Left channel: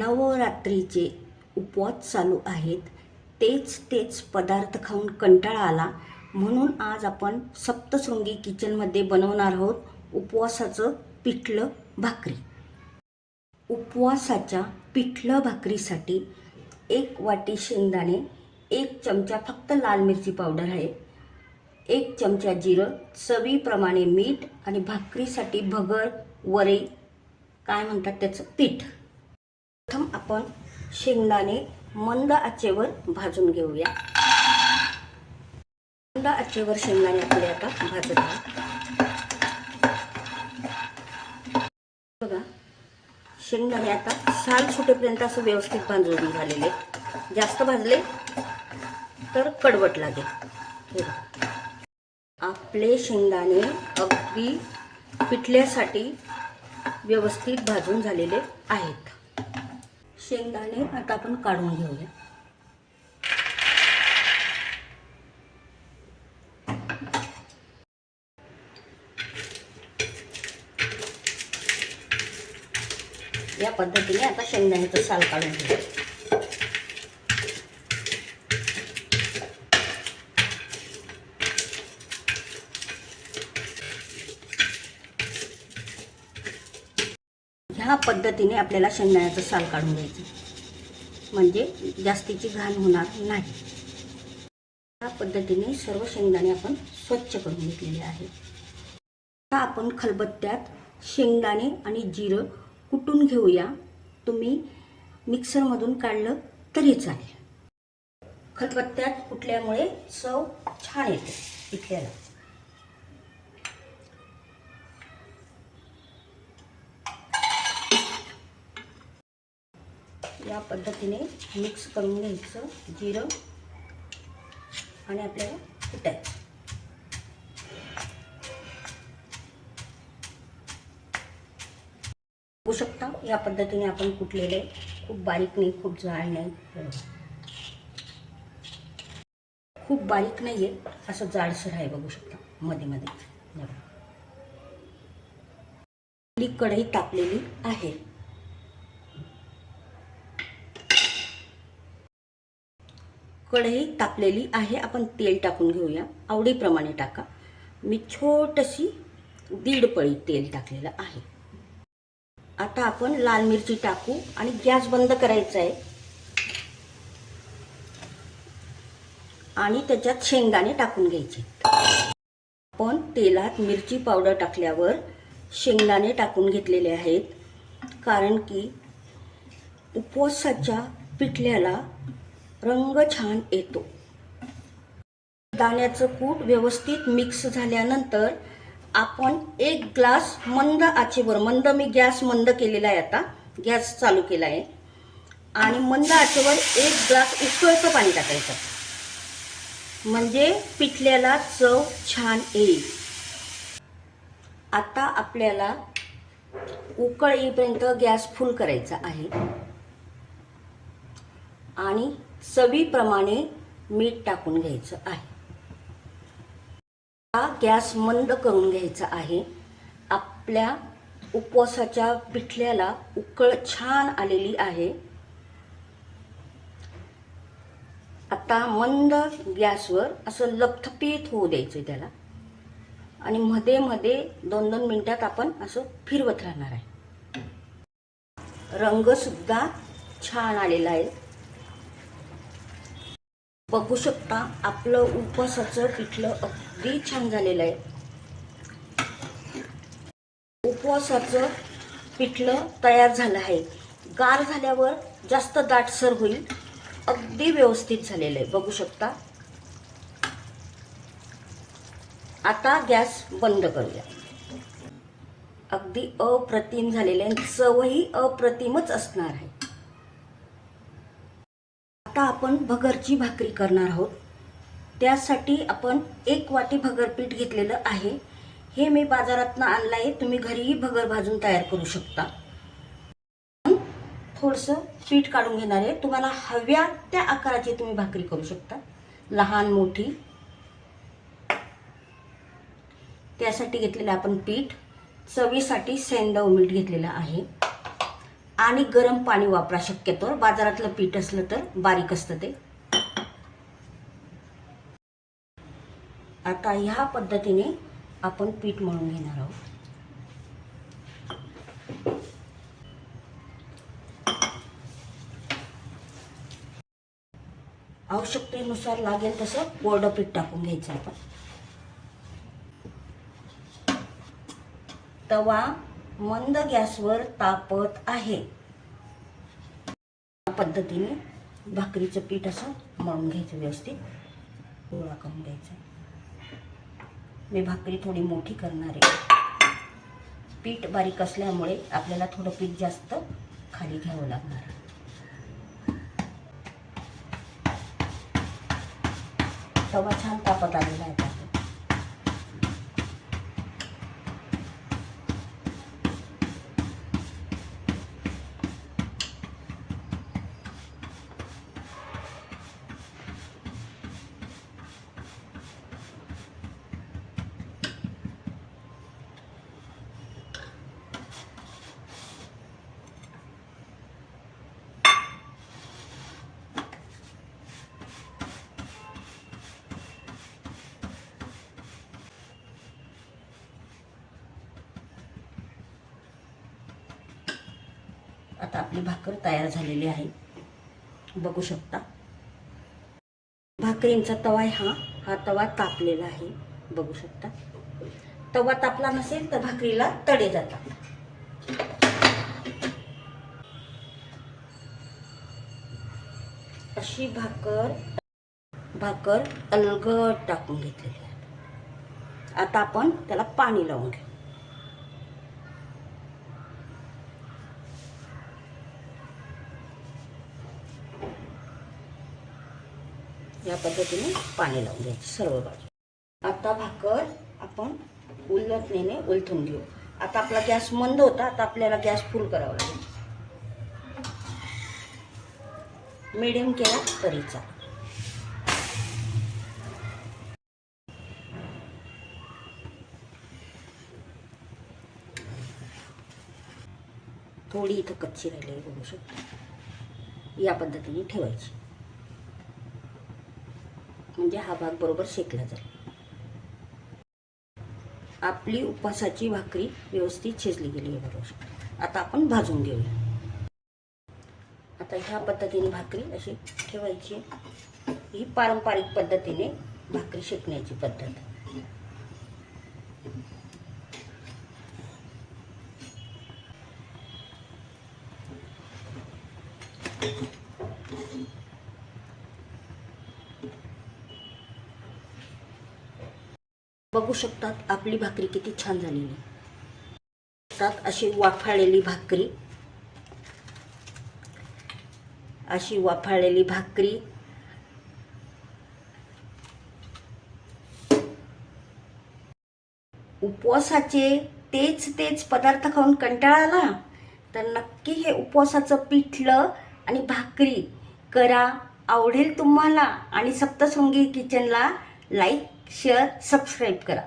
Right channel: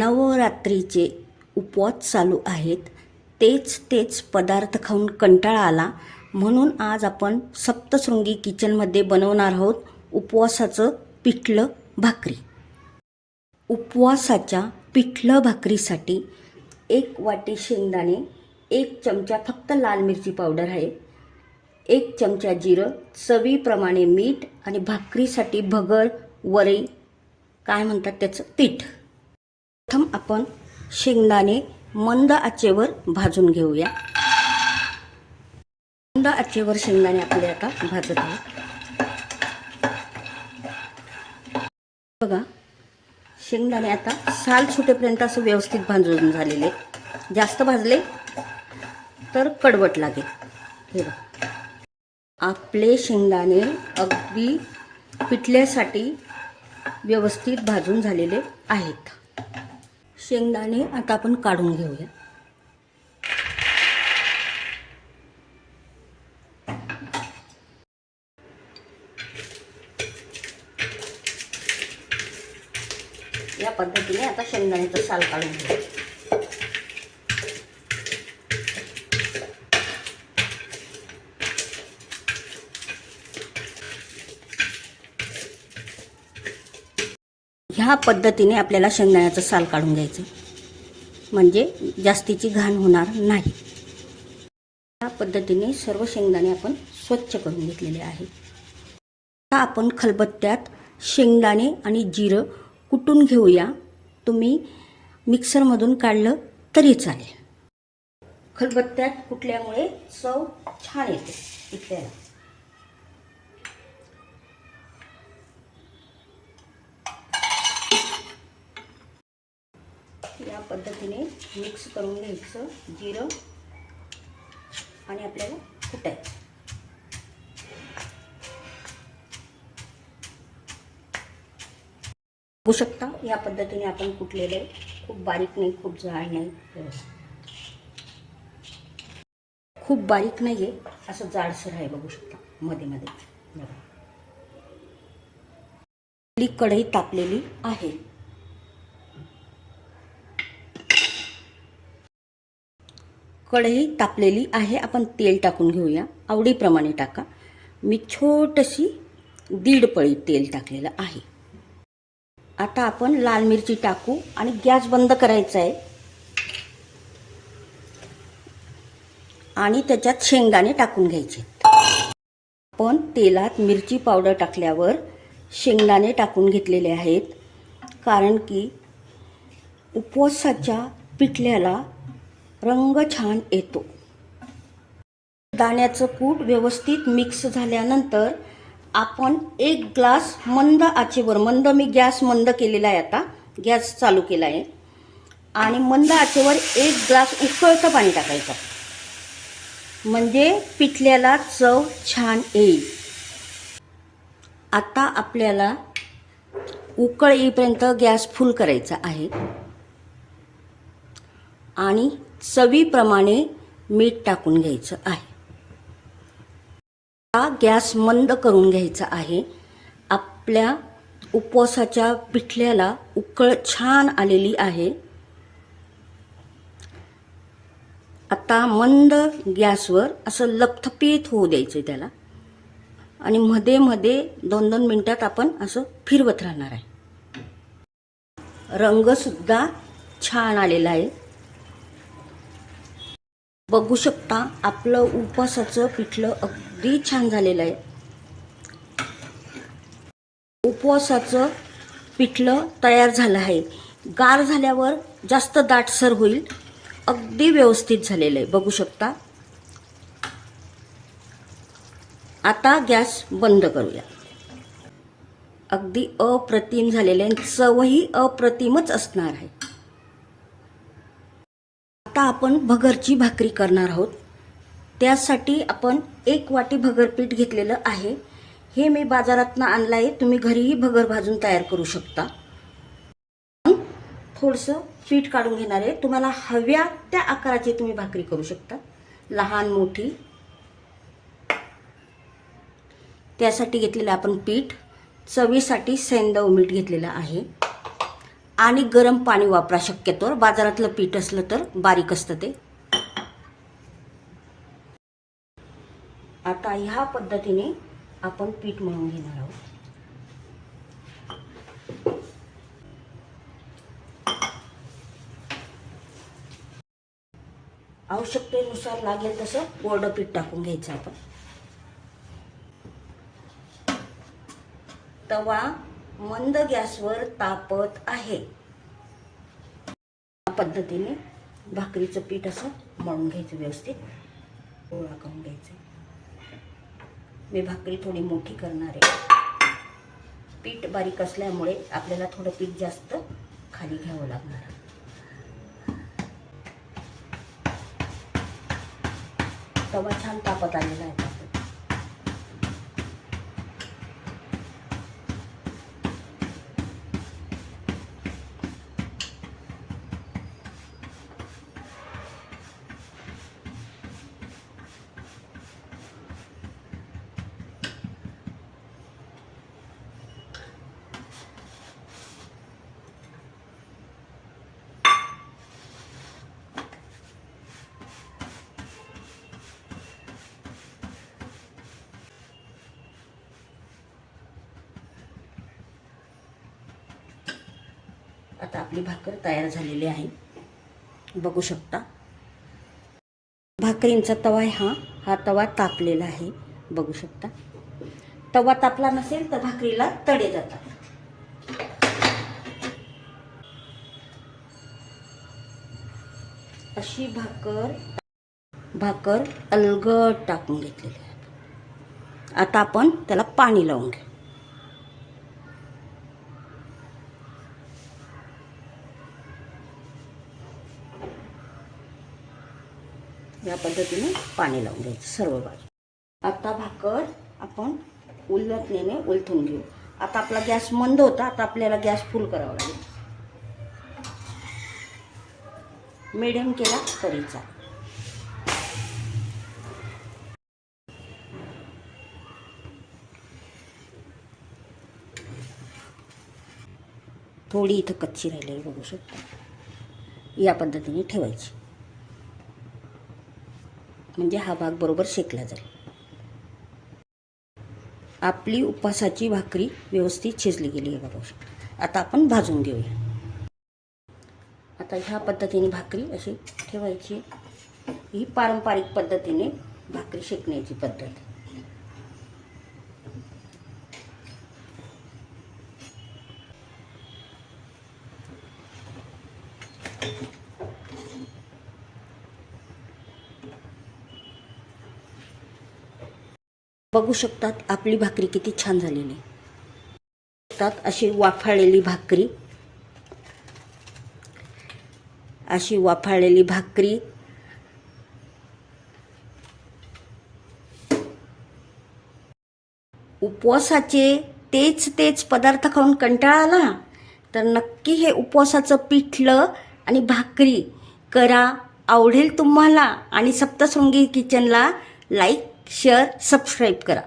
नवरात्रीचे उपवास चालू आहेत. तेच तेच पदार्थ खाऊन कंटाळा आला. म्हणून आज आपण सप्तशृंगी किचनमध्ये बनवणार आहोत उपवासाचं पिठलं भाकरी. उपवासाच्या पिठलं भाकरीसाठी एक वाटी शेंगदाणे एक चमचा फक्त लाल मिरची पावडर आहे. एक चमचा जिरं चवीप्रमाणे मीठ आणि भाकरीसाठी भगर वरे काय म्हणतात त्याचं पीठ. प्रथम आपण शेंगदाणे मंद आचेवर भाजून घेऊया. मंद आचेवर शेंगदाणे आपले आता भाजत आहे बघा शेंगदाणे आता साल सुटेपर्यंत असं व्यवस्थित भाजून झालेले जास्त भाजले तर कडवट लागेल. आपले शेंगदाणे अगदी पिठल्यासाठी व्यवस्थित भाजून झालेले आहेत. शेंगदाणे आता आपण काढून घेऊया. या पद्धतीने आता शेंगदाण्याचं साल काढून घेऊया. ह्या पद्धतीने आपल्याला शेंगदाण्याचं साल काढून घ्यायचं. म्हणजे जास्तीची घाण होणार नाही. या पद्धतीने सर्व शेंगदाणे आपण स्वच्छ करून घेतलेले आहे. आता आपण खलबत्त्यात शेंगदाणे आणि जिरं कुटून घेऊया. तुम्ही मिक्सरमधून काढलं तरी चालेल. खलबत्त्यात कुटल्यामुळे चव छान येते पिठल्याला या पद्धतीने मिक्स करून घ्यायचं जिरं आणि आपल्याला कुटायचं. बघू शकता. या पद्धतीने आपण कुटलेलं आहे खूप बारीक नाही खूप जाड नाही. खूप बारीक नाही आहे असं जाडसर आहे बघू शकता. मध्ये मध्ये. कढई तापलेली आहे. कढई तापलेली आहे. आपण तेल टाकून घेऊया. आवडीप्रमाणे टाका. मी छोटशी दीड पळी तेल टाकलेलं आहे. आता आपण लाल मिरची टाकू आणि गॅस बंद करायचा आहे. आणि त्याच्यात शेंगदाणे टाकून घ्यायचे. आपण तेलात मिरची पावडर टाकल्यावर शेंगदाणे टाकून घेतलेले आहेत. कारण की उपवासाच्या पिठल्याला रंग छान येतो. दाण्याचं कूट व्यवस्थित मिक्स झाल्यानंतर आपण एक ग्लास मंद आचेवर मंद मी गॅस मंद केलेला आहे आता गॅस चालू केला आहे. आणि मंद आचेवर एक ग्लास उकळतं पाणी टाकायचं. म्हणजे पिठल्याला चव छान येईल. आता आपल्याला उकळ येईपर्यंत गॅस फुल करायचा आहे. आणि चवीप्रमाणे मीठ टाकून घ्यायचं आहे. हा गॅस मंद करून घ्यायचा आहे. आपल्या उपवासाच्या पिठल्याला उकळ छान आलेली आहे. आता मंद गॅसवर असं लपथपीत होऊ द्यायचं त्याला. आणि मध्ये मध्ये दोन दोन मिनटात आपण असं फिरवत राहणार आहे. रंगसुद्धा छान आलेला आहे. बघू शकता आपलं उपवासाचं पिठलं अगदी छान झालेलं आहे. उपवासाचं पिठलं तयार झालं आहे. गार झाल्यावर जास्त दाटसर होईल. अगदी व्यवस्थित झालेलं आहे. बघू शकता. आता गॅस बंद करूया. अगदी अप्रतिम झालेलं आहे. चवही अप्रतिमच असणार आहे. आपण भगरची भाकरी करणार आहोत. त्यासाठी आपण एक वाटी भगरपीठ घेतलेलं आहे. हे मी बाजारातनं आणलं आहे तुम्ही घरीही भगर भाजून तयार करू शकता. थोडंसं पीठ काढून घेणार आहे. तुम्हाला हव्या त्या आकाराची तुम्ही भाकरी करू शकता. लहान मोठी. त्यासाठी घेतलेलं आपण पीठ. चवीसाठी सैंदव मीठ घेतलेलं आहे. आणि गरम पाणी वापरा शक्यतोवर. बाजारातलं पीठ असलं तर बारीक असतं ते. आता ह्या पद्धतीने आपण पीठ मळून घेणार आहोत. आवश्यकतेनुसार लागेल तसं कोरडं पीठ टाकून घ्यायचं आपण. तवा मंद गॅसवर तापत आहे. पद्धतीने भाकरीचं पीठ असं मळून घ्यायचं व्यवस्थित. गोळा करून घ्यायचं. मी भाकरी थोडी मोठी करणार आहे. पीठ बारीक असल्यामुळे आपल्याला थोडं पीठ जास्त खाली घ्यावं लागणार. आहे. तवा छान तापत आलेला आहे. आता. आपली भाकर तयार झालेली आहे. बघू शकता. भाकरींचा तवा आहे हा हा तवा तापलेला आहे. बघू शकता. तवा तापला नसेल तर भाकरीला तडे जातात. अशी भाकर भाकर अलगट टाकून घेतलेली आहे. आता आपण त्याला पाणी लावून घेऊ. या पद्धतीने पाणी लावून घ्यायचं सर्व बाजू. आता भाकर आपण उलटणीने उलथून घेऊ. आता आपला गॅस मंद होता आता आपल्याला गॅस फुल करावा लागेल. मिडियम केला तरीचा थोडी इथं कच्ची राहिलेली बघू शकतो. या पद्धतीने ठेवायची. म्हणजे हा भाग बरोबर शेकला जाईल. आपली उपासाची भाकरी व्यवस्थित शिजली गेली आहे बरोबर आता आपण भाजून घेऊया. आता ह्या पद्धतीने भाकरी अशी ठेवायची. ही पारंपरिक पद्धतीने भाकरी शेकण्याची पद्धत. बघू शकतात आपली भाकरी किती छान झालेली. अशी वाफाळलेली भाकरी. अशी वाफाळलेली भाकरी. उपवासाचे तेच तेच पदार्थ खाऊन कंटाळा आला तर नक्की हे उपवासाचं पिठलं आणि भाकरी करा आवडेल तुम्हाला. आणि सप्तशृंगी किचनला लाईक शेअर सबस्क्राईब करा.